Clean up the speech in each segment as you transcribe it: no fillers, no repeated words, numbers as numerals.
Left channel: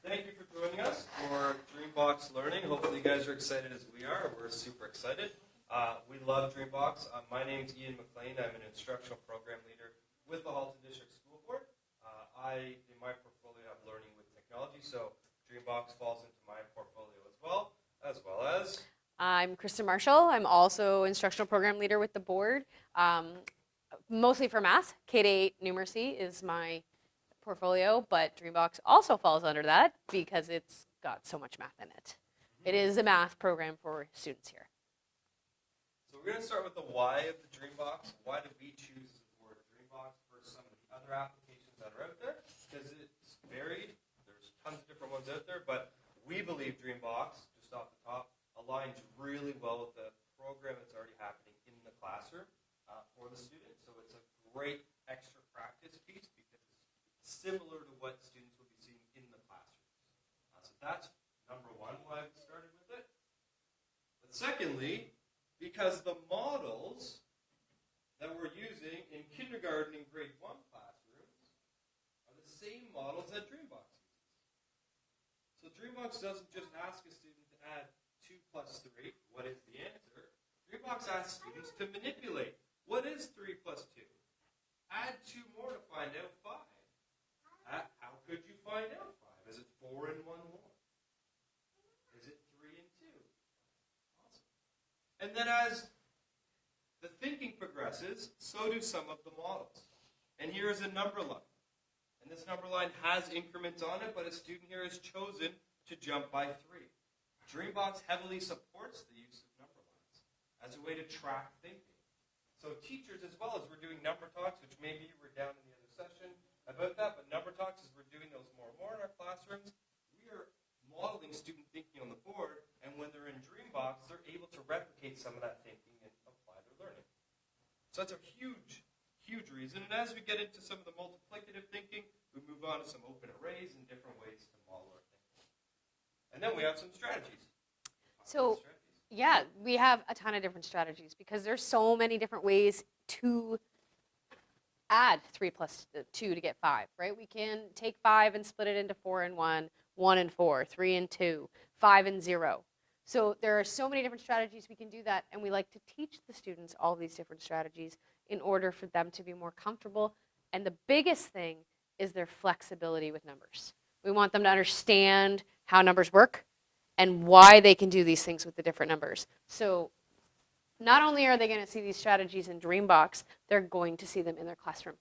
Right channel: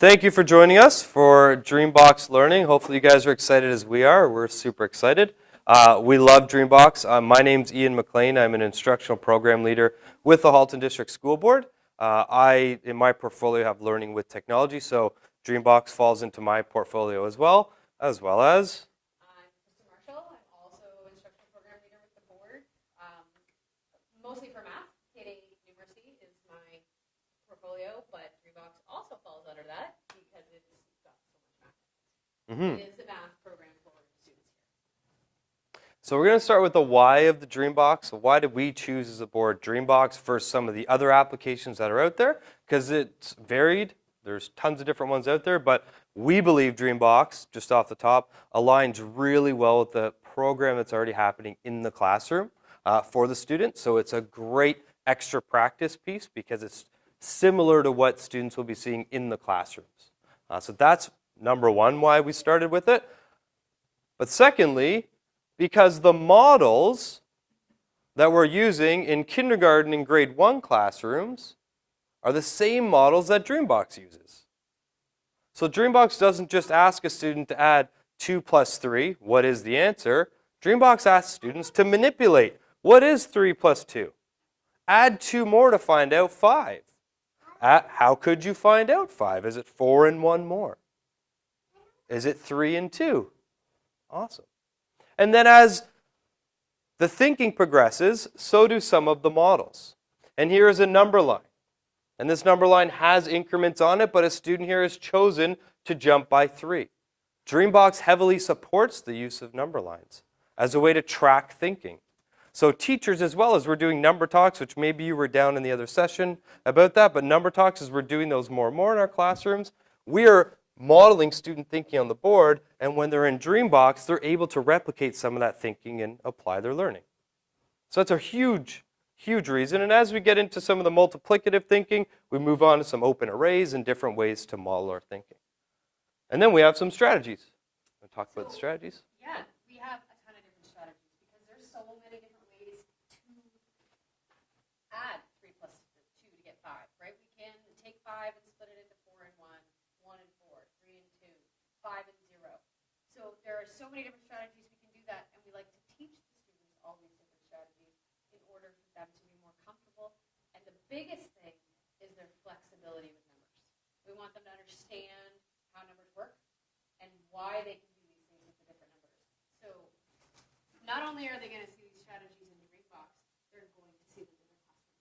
Thank you for joining us for DreamBox Learning. Hopefully you guys are excited as we are. We're super excited. We love DreamBox. My name's Ian McLean. I'm an instructional program leader with the Halton District School Board. In my portfolio, have learning with technology, so DreamBox falls into my portfolio as well as... I'm Kristen Marshall. I'm also instructional program leader with the board, mostly for math. K-8 numeracy is my portfolio, but DreamBox also falls under that because it's got so much math in it. Mm-hmm. It is a math program for students here. So we're going to start with the why of the DreamBox. So why did we choose as a board DreamBox versus some of the other applications that are out there? Because it's varied. There's tons of different ones out there, but we believe DreamBox, just off the top, aligns really well with the program that's already happening in the classroom for the students. So it's a great extra practice piece because it's similar to what students will be seeing in the classrooms. So that's number one why we started with it. But secondly, because the models that we're using in kindergarten and grade 1 classrooms are the same models that DreamBox uses. So DreamBox doesn't just ask a student to add 2 plus 3, what is the answer? DreamBox asks students to manipulate, what is 3 plus 2? Add 2 more to find out 5. How could you find out 5? Is it 4 and 1 more? Is it 3 and 2? Awesome. And then as the thinking progresses, so do some of the models. And here is a number line. And this number line has increments on it, but a student here has chosen to jump by 3. DreamBox heavily supports the use of number lines as a way to track thinking. So teachers, as well as we're doing number talks, which maybe you were down in the other session about that, but number talks, as we're doing those more and more in our classrooms, we are modeling student thinking on the board, and when they're in DreamBox, they're able to replicate some of that thinking and apply their learning. So that's a huge, huge reason. And as we get into some of the multiplicative thinking, we move on to some open arrays and different ways to model our thinking. And then we have some strategies. Talk about the strategies? Yeah, we have a ton of different strategies because there's so many different ways to add 3 plus 2 to get 5, right? We can take 5 and split it into 4 and 1, 1 and 4, 3 and 2, 5 and 0. So there are so many different strategies we can do that, and we like to teach the students all these different strategies in order for them to be more comfortable. And the biggest thing is their flexibility with numbers. We want them to understand how numbers work and why they can do these things with the different numbers. So not only are they going to see these strategies in DreamBox, they're going to see them in their classroom.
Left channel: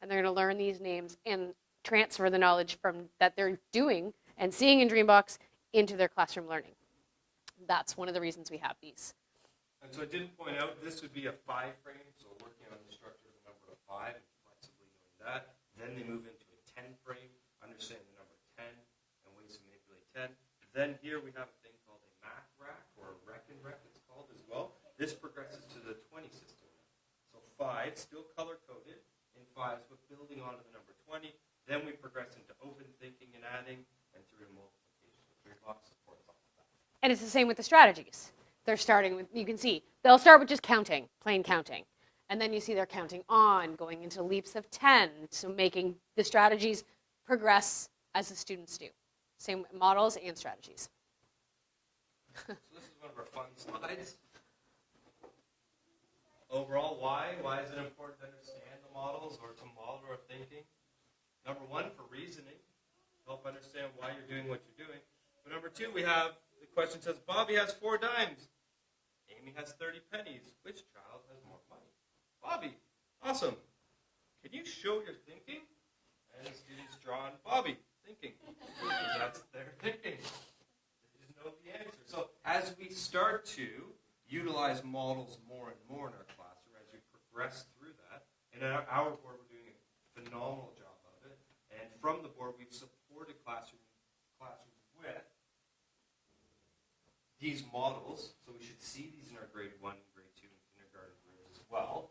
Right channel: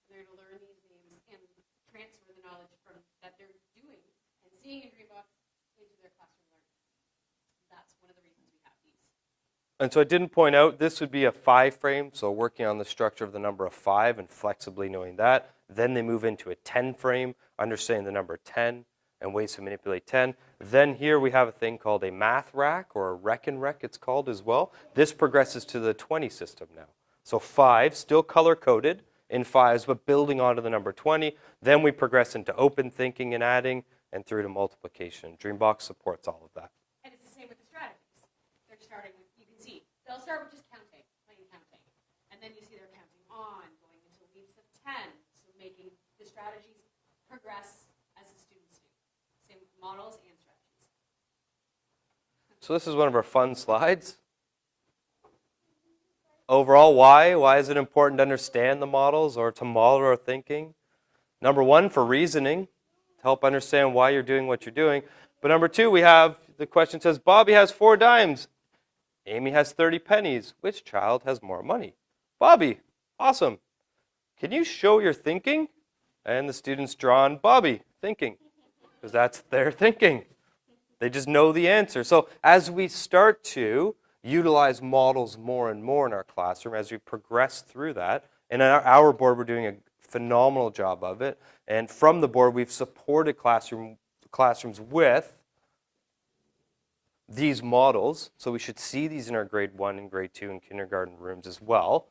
And they're going to learn these names and transfer the knowledge from that they're doing and seeing in DreamBox into their classroom learning. That's one of the reasons we have these. And so I didn't point out, this would be a 5 frame, so working on the structure of the number of 5 and flexibly knowing that. Then they move into a 10 frame, understanding the number 10 and ways to manipulate 10. Then here we have a thing called a math rack, or a reckon rec it's called as well. This progresses to the 20 system now. So 5, still color-coded in 5s, but building onto the number 20. Then we progress into open thinking and adding, and through to multiplication. DreamBox supports all of that. And it's the same with the strategies. They're starting with, you can see, they'll start with just counting, plain counting. And then you see they're counting on, going into leaps of 10, so making the strategies progress as the students do. Same models and strategies. So this is one of our fun slides. Overall, why? Why is it important to understand the models or to model our thinking? Number 1, for reasoning, to help understand why you're doing what you're doing. But number 2, we have, the question says, Bobby has 4 dimes. Amy has 30 pennies. Which child has more money? Bobby. Awesome. Can you show your thinking? And the students draw on Bobby, thinking. Because that's their thinking. They just know the answer. So as we start to utilize models more and more in our classroom, as we progress through that, and on our board we're doing a phenomenal job of it, and from the board we've supported classrooms with these models, so we should see these in our grade 1 and grade 2 and kindergarten rooms as well.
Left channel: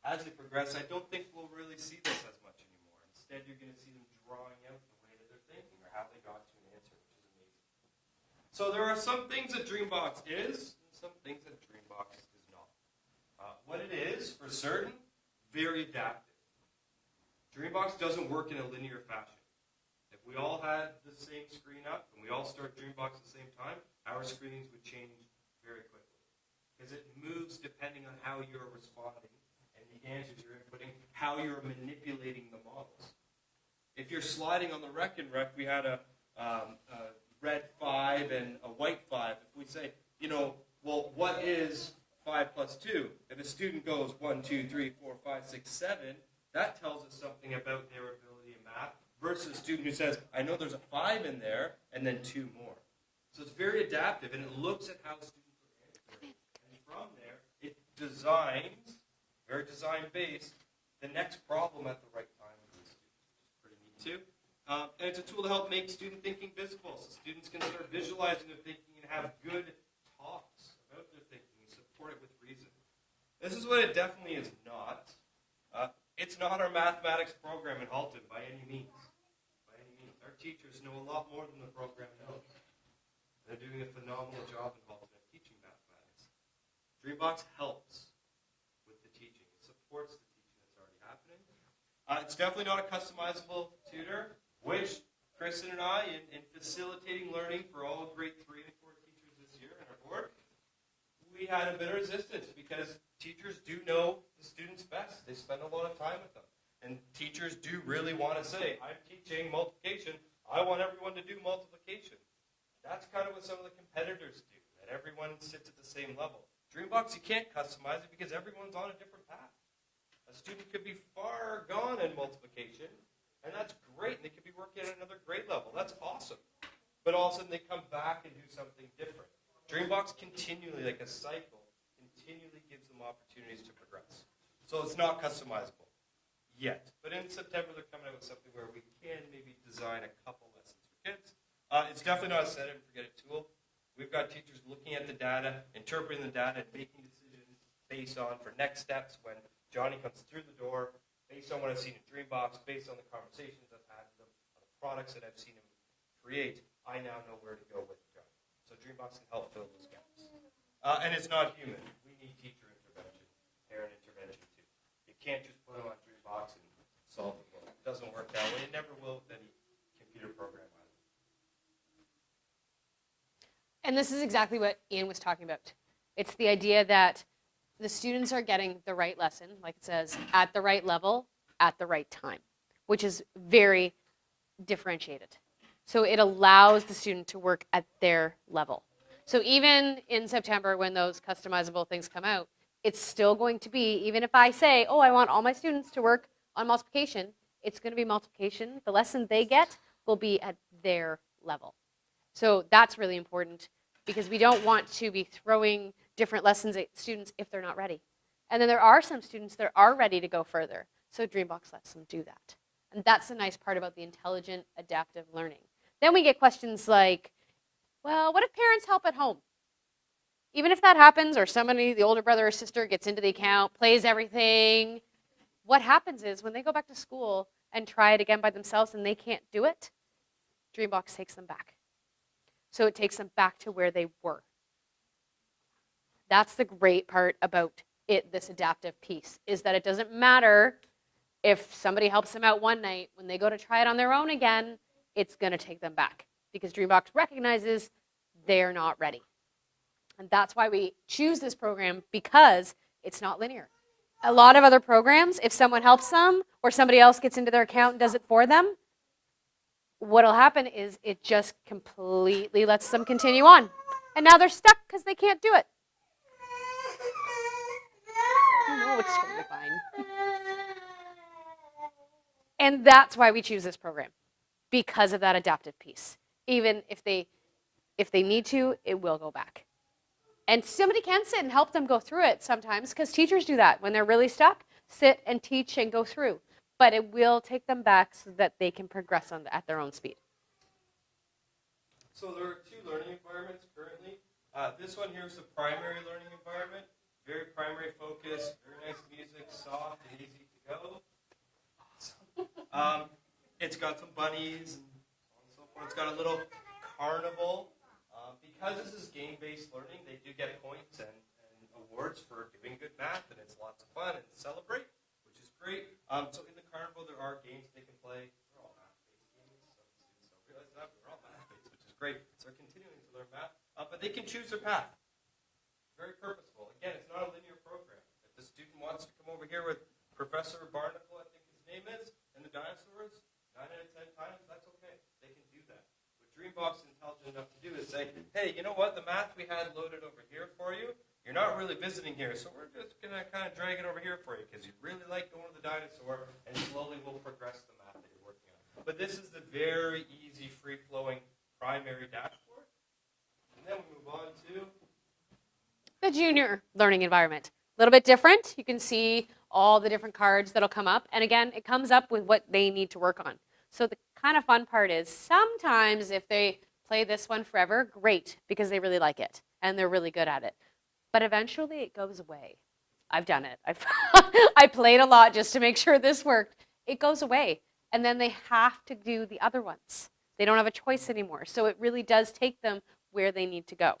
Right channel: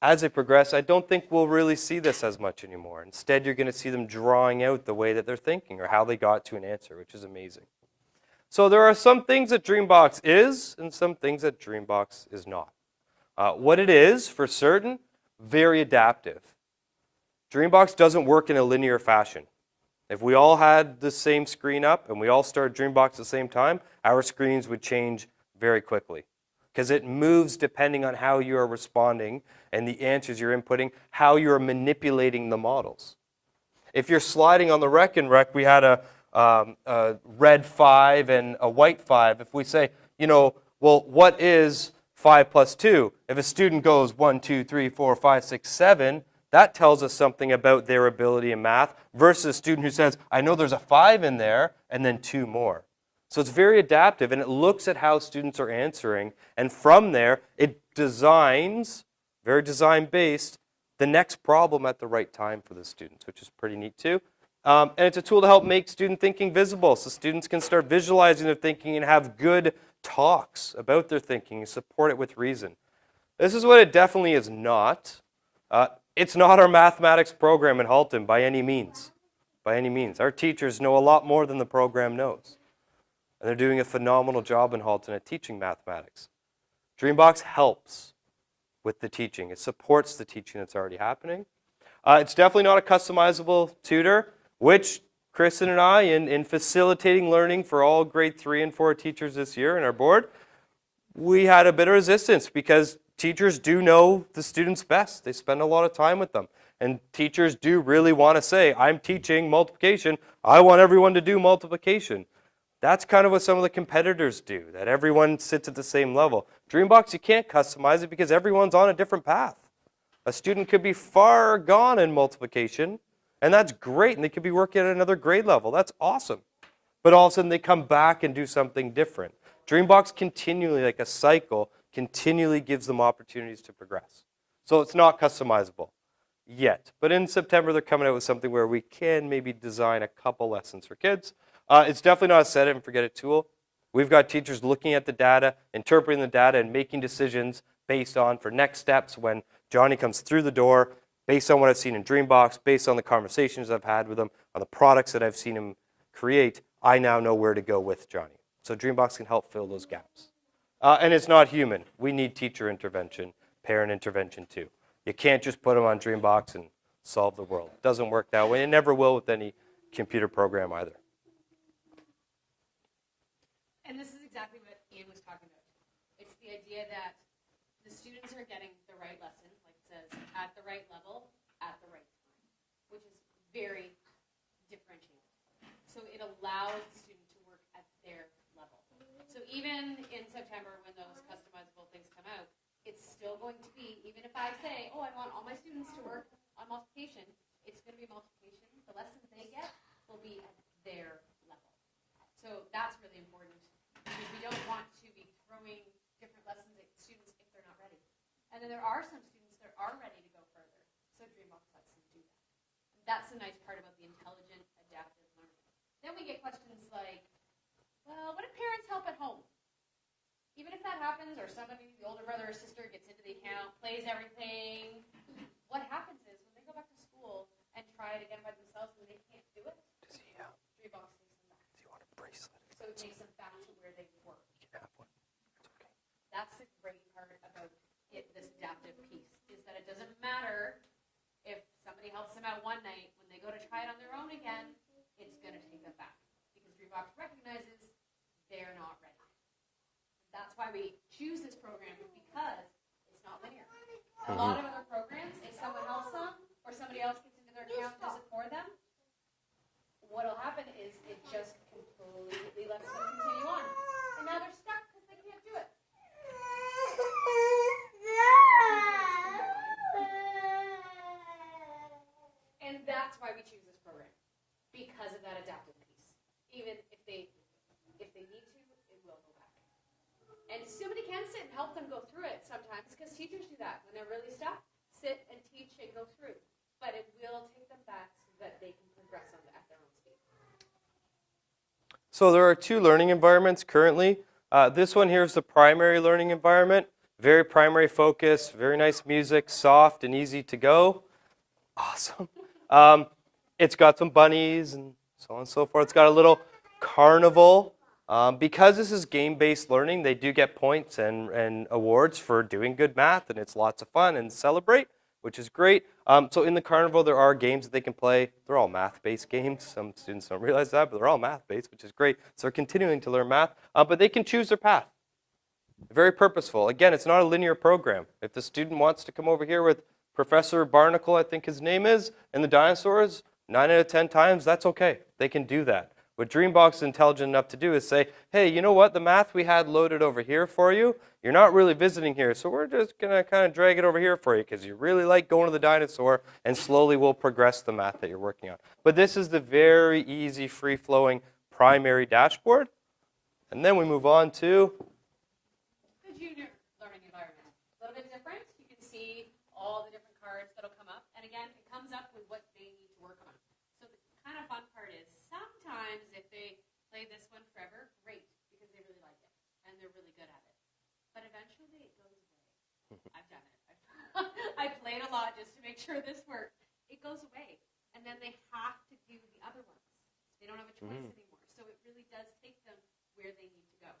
As they progress, I don't think we'll really see this as much anymore. Instead, you're going to see them drawing out the way that they're thinking or how they got to an answer, which is amazing. So there are some things that DreamBox is and some things that DreamBox is not. What it is, for certain, very adaptive. DreamBox doesn't work in a linear fashion. If we all had the same screen up and we all started DreamBox at the same time, our screens would change very quickly because it moves depending on how you are responding and the answers you're inputting, how you're manipulating the models. If you're sliding on the rec and rec, we had a red 5 and a white 5. If we say, well, what is 5 plus 2? If a student goes 1, 2, 3, 4, 5, 6, 7, that tells us something about their ability in math versus a student who says, I know there's a 5 in there, and then 2 more. So it's very adaptive, and it looks at how students are answering, and from there, it designs, very design-based, the next problem at the right time for the students, which is pretty neat too. And it's a tool to help make student thinking visible, so students can start visualizing their thinking and have good talks about their thinking and support it with reason. This is what it definitely is not. It's not our mathematics program in Halton by any means. By any means. Our teachers know a lot more than the program knows. And they're doing a phenomenal job in Halton at teaching mathematics. DreamBox helps with the teaching. It supports the teaching that's already happening. It's definitely not a customizable tutor, which Kristen and I, in facilitating learning for all grade 3 and 4 teachers this year in our board, we had a bit of resistance because teachers do know the students best. They spend a lot of time with them. And teachers do really want to say, I'm teaching multiplication. I want everyone to do multiplication. That's kind of what some of the competitors do, that everyone sits at the same level. DreamBox, you can't customize it because everyone's on a different path. A student could be far gone in multiplication, and that's great, and they could be working at another grade level. That's awesome. But all of a sudden, they come back and do something different. DreamBox continually, like a cycle, continually gives them opportunities to progress. So it's not customizable yet. But in September, they're coming out with something where we can maybe design a couple lessons for kids. It's definitely not a set it and forget it tool. We've got teachers looking at the data, interpreting the data, and making decisions based on for next steps when Johnny comes through the door, based on what I've seen in DreamBox, based on the conversations I've had with him, on the products that I've seen him create, I now know where to go with Johnny. So DreamBox can help fill those gaps. And it's not human. We need teacher intervention, parent intervention too. You can't just put them on DreamBox and solve the world. It doesn't work that way. It never will with any computer program either. And this is exactly what Ian was talking about. It's the idea that the students are getting the right lesson, like it says, at the right level, at the right time, which is very differentiated. So it allows the student to work at their level. So even in September when those customizable things come out, it's still going to be, even if I say, oh, I want all my students to work on multiplication, it's going to be multiplication. The lesson they get will be at their level. So that's really important because we don't want to be throwing different lessons at students if they're not ready. And then there are some students that are ready to go further. So DreamBox lets them do that. And that's the nice part about the intelligent adaptive learning. Then we get questions like, well, what if parents help at home? Even if that happens or somebody, the older brother or sister gets into the account, plays everything, what happens is when they go back to school and try it again by themselves and they can't do it, DreamBox takes them back. So it takes them back to where they were. That's the great part about it, this adaptive piece, is that it doesn't matter if somebody helps them out one night. When they go to try it on their own again, it's going to take them back because DreamBox recognizes they're not ready. And that's why we choose this program, because it's not linear. A lot of other programs, if someone helps them or somebody else gets into their account and does it for them, what'll happen is it just completely lets them continue on. And now they're stuck because they can't do it. Oh, it's totally fine. And that's why we choose this program, because of that adaptive piece. Even if they need to, it will go back. And somebody can sit and help them go through it sometimes, because teachers do that. When they're really stuck, sit and teach and go through. But it will take them back so that they can progress at their own speed. So there are 2 learning environments currently. This one here is the primary learning environment. Very primary focus, very nice music, soft and easy to go. Awesome. It's got some bunnies and so on and so forth. It's got a little carnival. Because this is game-based learning, they do get points and awards for doing good math, and it's lots of fun and celebrate, which is great. So in the carnival, there are games that they can play. They're all math-based games. Some students don't realize that, but they're all math-based, which is great. So they're continuing to learn math, but they can choose their path. Very purposeful. Again, it's not a linear program. If the student wants to come over here with Professor Barnacle, I think his name is, and the dinosaurs, 9 out of 10 times, that's okay. They can do that. What DreamBox is intelligent enough to do is say, hey, you know what? The math we had loaded over here for you, you're not really visiting here, so we're just going to kind of drag it over here for you because you really like going to the dinosaur, and slowly we'll progress the math that you're working on. But this is the very easy, free-flowing primary dashboard. And then we move on to the junior learning environment. A little bit different. You can see all the different cards that'll come up. And again, it comes up with what they need to work on. So the kind of fun part is sometimes if they play this one forever, great, because they really like it and they're really good at it. But eventually it goes away. I've done it. I played a lot just to make sure this worked. It goes away. And then they have to do the other ones. They don't have a choice anymore. So it really does take them where they need to go.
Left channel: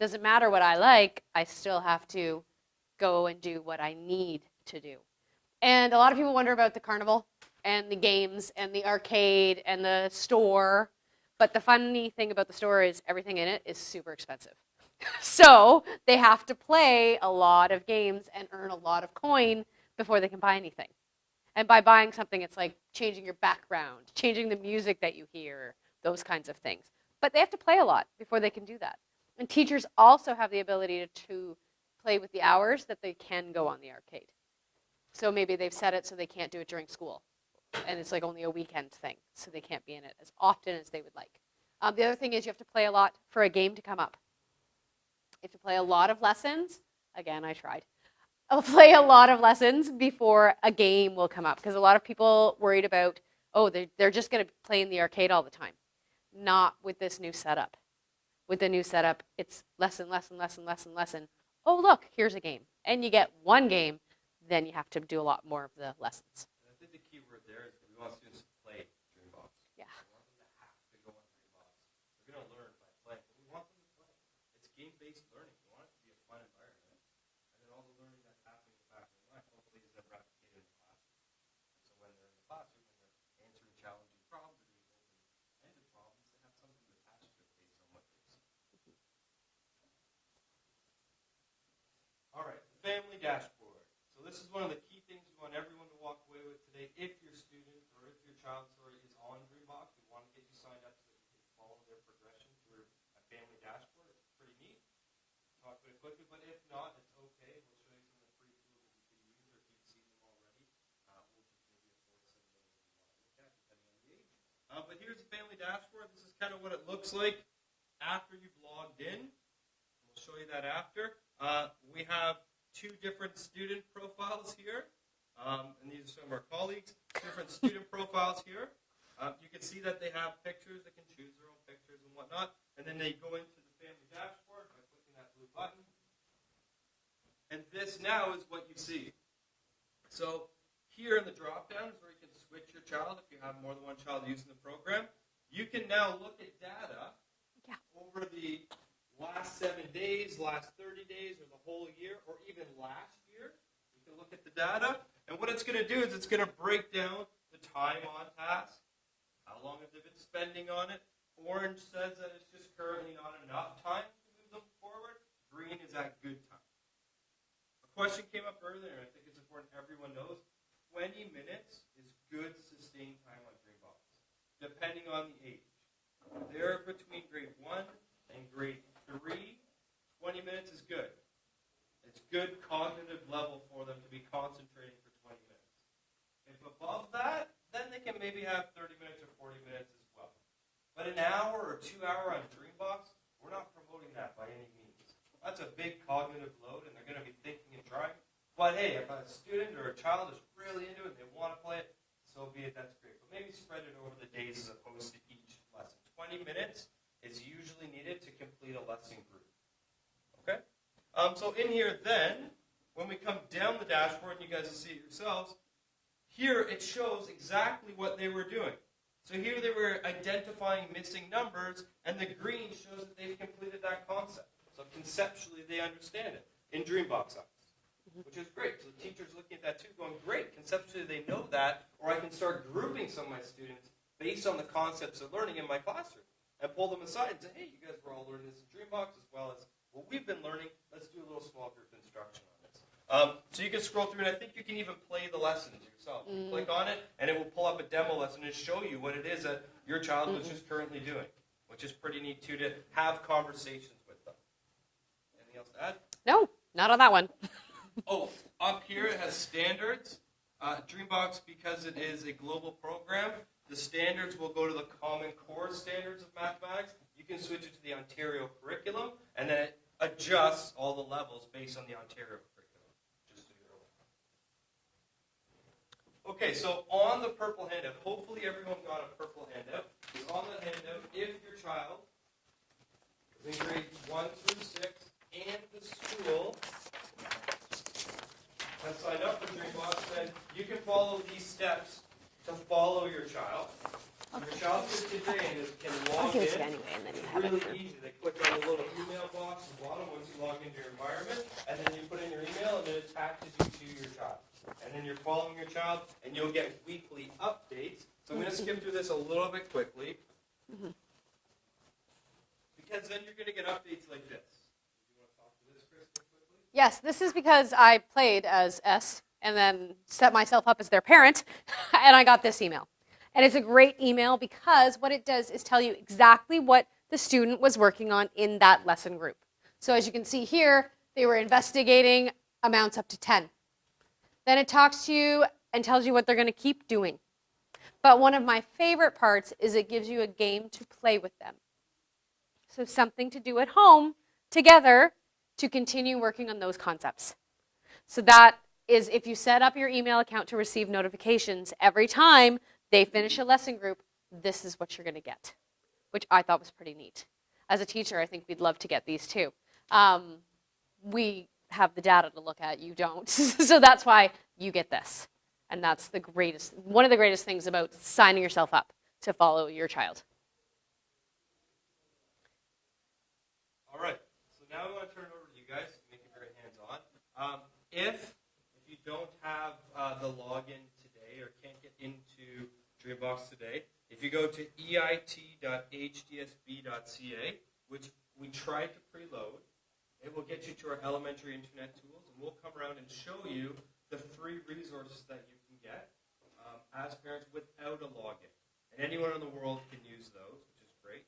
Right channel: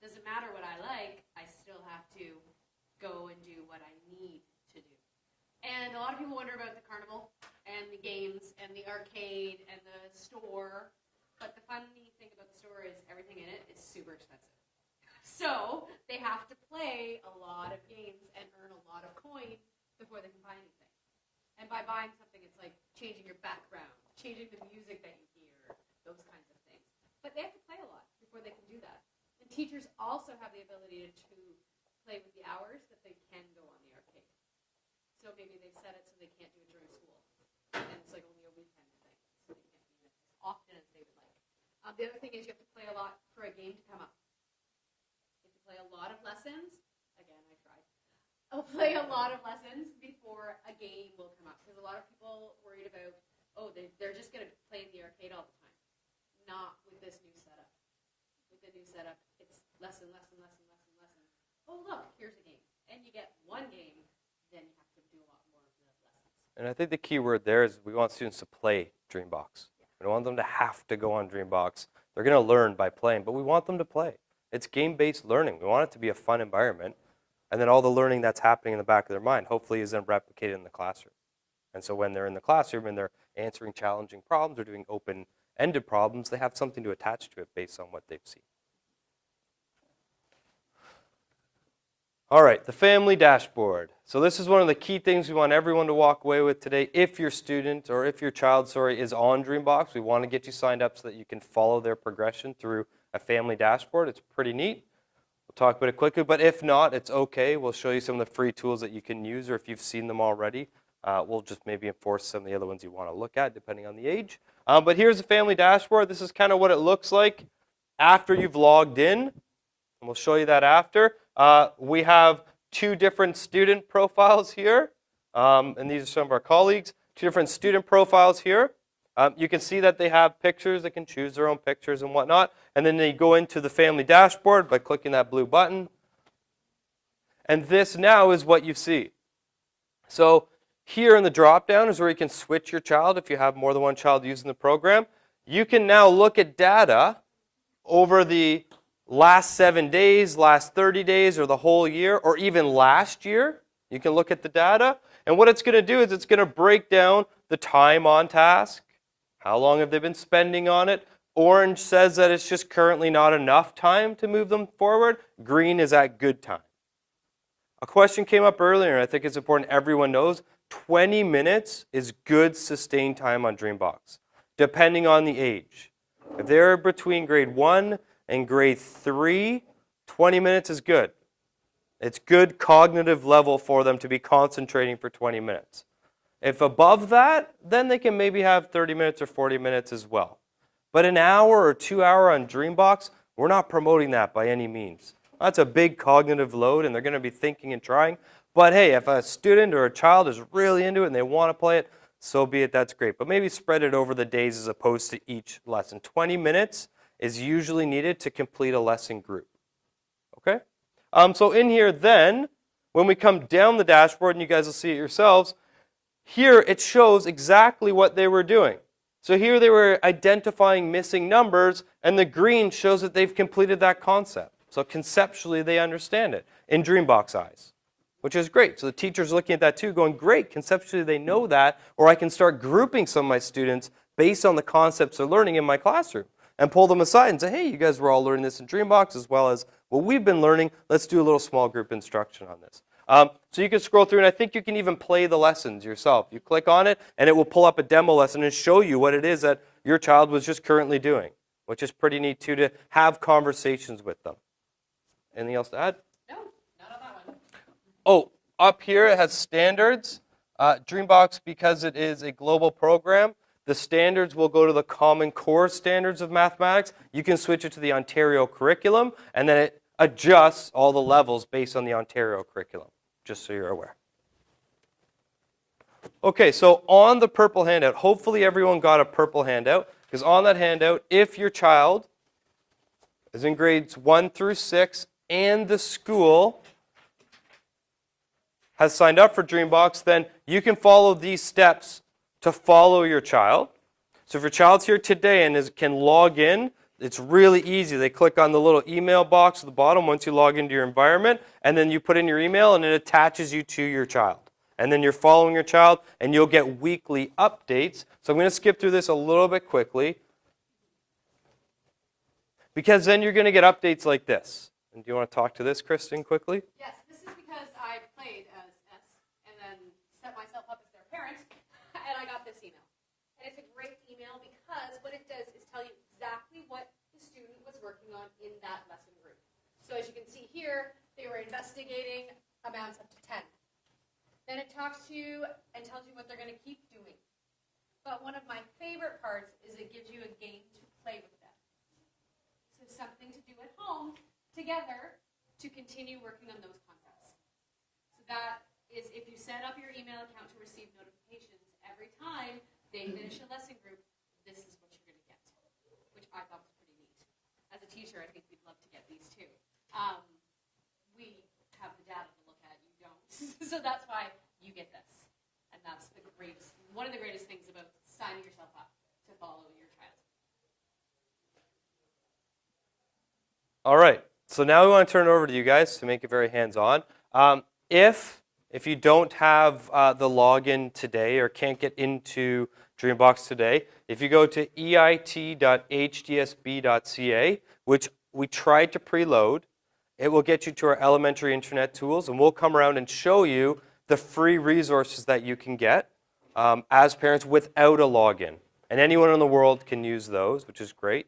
Doesn't matter what I like, I still have to go and do what I need to do. And a lot of people wonder about the carnival and the games and the arcade and the store. But the funny thing about the store is everything in it is super expensive. So they have to play a lot of games and earn a lot of coin before they can buy anything. And by buying something, it's like changing your background, changing the music that you hear, those kinds of things. But they have to play a lot before they can do that. And teachers also have the ability to play with the hours that they can go on the arcade. So maybe they've set it so they can't do it during school. And it's like only a weekend thing, so they can't be in it as often as they would like. The other thing is you have to play a lot for a game to come up. You have to play a lot of lessons. Again, I tried. I'll play a lot of lessons before a game will come up. Because a lot of people worried about, oh, they're just going to play in the arcade all the time. Not with this new setup. With the new setup, it's lesson, lesson, lesson, lesson, lesson. Oh, look, here's a game. And you get one game, then you have to do a lot more of the lessons. And I think the key word there is we want students to play DreamBox. Yeah. We don't want them to have to go on DreamBox. They're going to learn by playing, but we want them to play. It's game-based learning. We want it to be a fun environment. And then all the learning that's happening in the back of their mind hopefully is then replicated in the classroom. And so when they're in the classroom and they're answering challenging problems or doing open-ended problems, they have something to attach to it based on what they've seen. All right, the family dashboard. So this is one of the key things we want everyone to walk away with today. If your student or if your child, is on DreamBox, we want to get you signed up so that you can follow their progression through a family dashboard. It's pretty neat. We'll talk about it quickly, but if not, it's okay. We'll show you some of the free tools that you can use, or if you've seen them already, we'll just maybe enforce some of the other ones you want to look at, depending on the age. But here's the family dashboard. This is kind of what it looks like after you've logged in, and we'll show you that after. We have 2 different student profiles here, and these are some of our colleagues. 2 different student profiles here. You can see that they have pictures. They can choose their own pictures and whatnot. And then they go into the family dashboard by clicking that blue button. And this now is what you see. So here in the drop-down is where you can switch your child if you have more than one child using the program. You can now look at data over the last 7 days, last 30 days, or the whole year, or even last year. You can look at the data. And what it's going to do is it's going to break down the time on task. How long have they been spending on it? Orange says that it's just currently not enough time to move them forward. Green is at good time. A question came up earlier, and I think it's important everyone knows, 20 minutes is good sustained time on DreamBox, depending on the age. If they're between grade 1 and grade 3, 20 minutes is good. It's good cognitive level for them to be concentrating for 20 minutes. If above that, then they can maybe have 30 minutes or 40 minutes as well. But an hour or 2 hour on DreamBox, we're not promoting that by any means. That's a big cognitive load, and they're going to be thinking and trying. But hey, if a student or a child is really into it and they want to play it, so be it, that's great. But maybe spread it over the days as opposed to each lesson. 20 minutes is usually needed to complete a lesson group. Okay? So in here then, when we come down the dashboard, and you guys will see it yourselves, here it shows exactly what they were doing. So here they were identifying missing numbers, and the green shows that they've completed that concept. So conceptually, they understand it in DreamBox eyes, which is great. So the teacher's looking at that too, going, great, conceptually they know that, or I can start grouping some of my students based on the concepts they're learning in my classroom and pull them aside and say, hey, you guys were all learning this in DreamBox as well as what we've been learning. Let's do a little small group instruction on this. So you can scroll through, and I think you can even play the lessons yourself. You click on it, and it will pull up a demo lesson and show you what it is that your child was just currently doing, which is pretty neat, too, to have conversations with them. Anything else to add? No, not on that one. Oh, up here it has standards. DreamBox, because it is a global program, the standards will go to the Common Core standards of mathematics. You can switch it to the Ontario curriculum, and then it adjusts all the levels based on the Ontario curriculum, just so you're aware. Okay, so on the purple handout, hopefully everyone got a purple handout, because on that handout, if your child is in grades 1 through 6 and the school has signed up for DreamBox, then you can follow these steps to follow your child. So if your child's here today and can log in, it's really easy. They click on the little email box at the bottom once you log into your environment, and then you put in your email, and it attaches you to your child. And then you're following your child, and you'll get weekly updates. So I'm going to skip through this a little bit quickly, because then you're going to get updates like this. And do you want to talk to this, Kristen, quickly? Yes, this is because I played as S and then set myself up as their parent, and I got this email. And it's a great email because what it does is tell you exactly what the student was working on in that lesson group. So as you can see here, they were investigating amounts up to 10. Then it talks to you and tells you what they're going to keep doing. But one of my favorite parts is it gives you a game to play with them. So something to do at home together to continue working on those concepts. So that is if you set up your email account to receive notifications every time they finish a lesson group, this is what you're going to get, which I thought was pretty neat. As a teacher, I think we'd love to get these too. We have the data to look at, you don't. So that's why you get this. And that's the greatest, one of the greatest things about signing yourself up to follow your child. All right. So now we want to turn it over to you guys to make it very hands-on. If you don't have the login today or can't get into DreamBox today, if you go to eit.hdsb.ca, which we tried to preload, it will get you to our elementary internet tools, and we'll come around and show you the free resources that you can get as parents without a login. And anyone in the world can use those, which is great.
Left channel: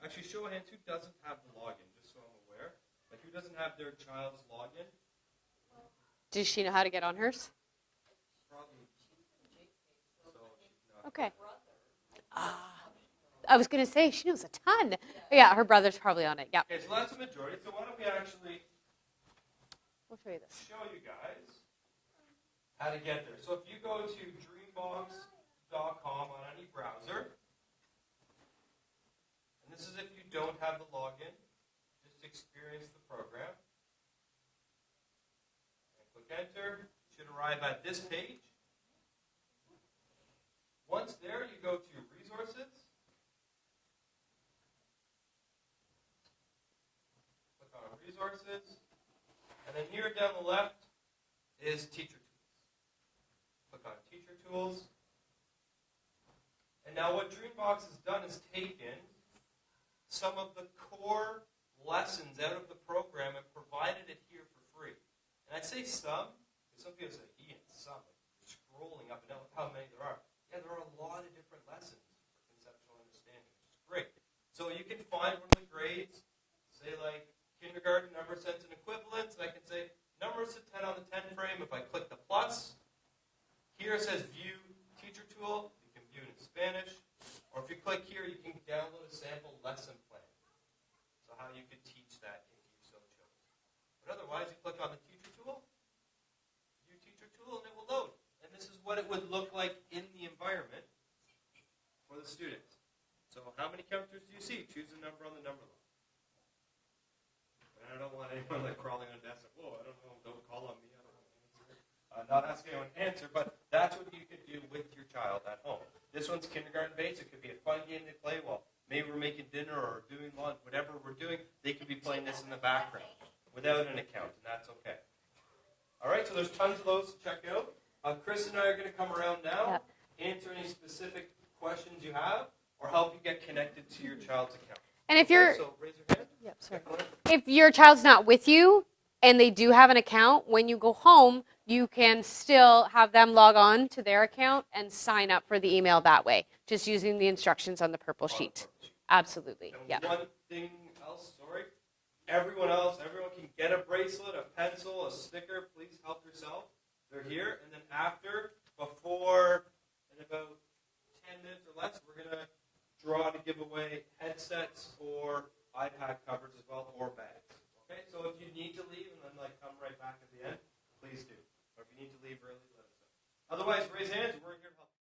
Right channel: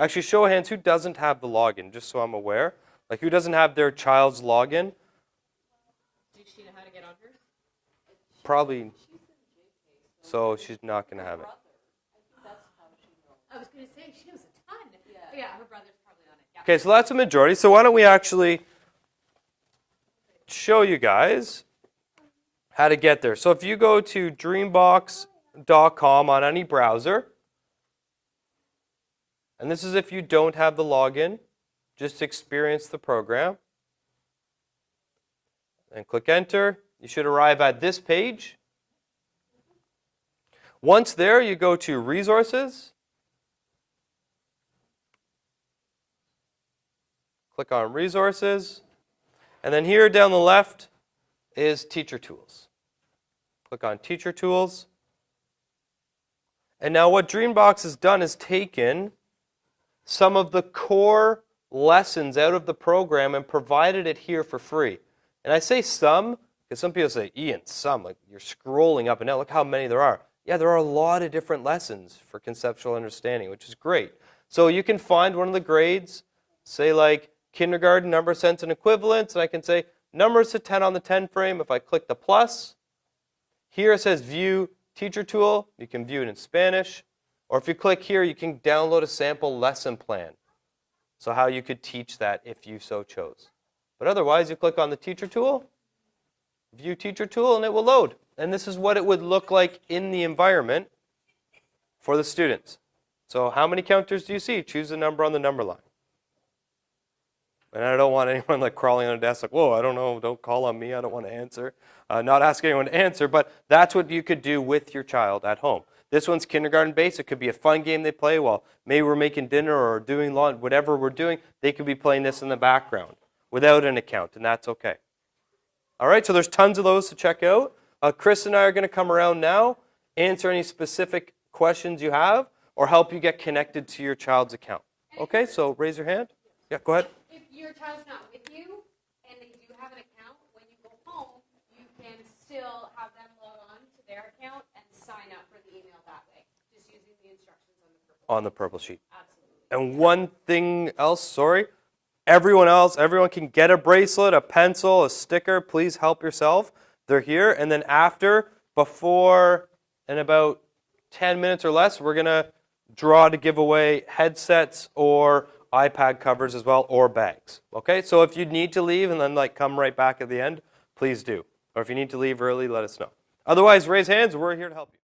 Actually, show of hands, who doesn't have the login, just so I'm aware? Like, who doesn't have their child's login? Does she know how to get on hers? Probably, so she's not going to have it. I was going to say, she knows a ton. Yeah, her brother's probably on it. Yeah. Okay, so that's a majority. So why don't we actually We'll show you this. show you guys how to get there. So if you go to dreambox.com on any browser, and this is if you don't have the login, just experience the program, and click enter. You should arrive at this page. Once there, you go to resources. Click on resources. And then here down the left is teacher tools. Click on teacher tools. And now what DreamBox has done is taken some of the core lessons out of the program and provided it here for free. And I say some, because some people say, Ian, some, like you're scrolling up and down, look how many there are. Yeah, there are a lot of different lessons for conceptual understanding, which is great. So you can find one of the grades, say like kindergarten, number, sense, and equivalence, and I can say numbers to 10 on the 10 frame. If I click the plus, here it says view teacher tool. You can view it in Spanish. Or if you click here, you can download a sample lesson plan. So how you could teach that if you so chose. But otherwise, you click on the teacher tool, view teacher tool, and it will load. And this is what it would look like in the environment for the students. So how many counters do you see? Choose the number on the number line. And I don't want anyone like crawling on a desk like, whoa, I don't know, don't call on me, I don't want to answer. Not ask anyone to answer, but that's what you could do with your child at home. This one's kindergarten based. It could be a fun game they play while maybe we're making dinner or doing lunch, whatever we're doing. They could be playing this in the background without an account, and that's okay. All right, so there's tons of those to check out. Chris and I are going to come around now, Yep. answer any specific questions you have, or help you get connected to your child's account. And if okay, you're, so raise your hand. Yep, Yeah, go ahead. if your child's not with you and they do have an account, when you go home, you can still have them log on to their account and sign up for the email that way, just using the instructions on the purple sheet. On the purple sheet. Absolutely. And yeah. one thing else, sorry, everyone can get a bracelet, a pencil, a sticker. Please help yourself. They're here. And then after, before, in about 10 minutes or less, we're going to draw to give away headsets or iPad covers as well, or bags. Okay, so if you need to leave and then like come right back at the end, please do. Or if you need to leave early, let us know. Otherwise, raise hands. We're here to help you.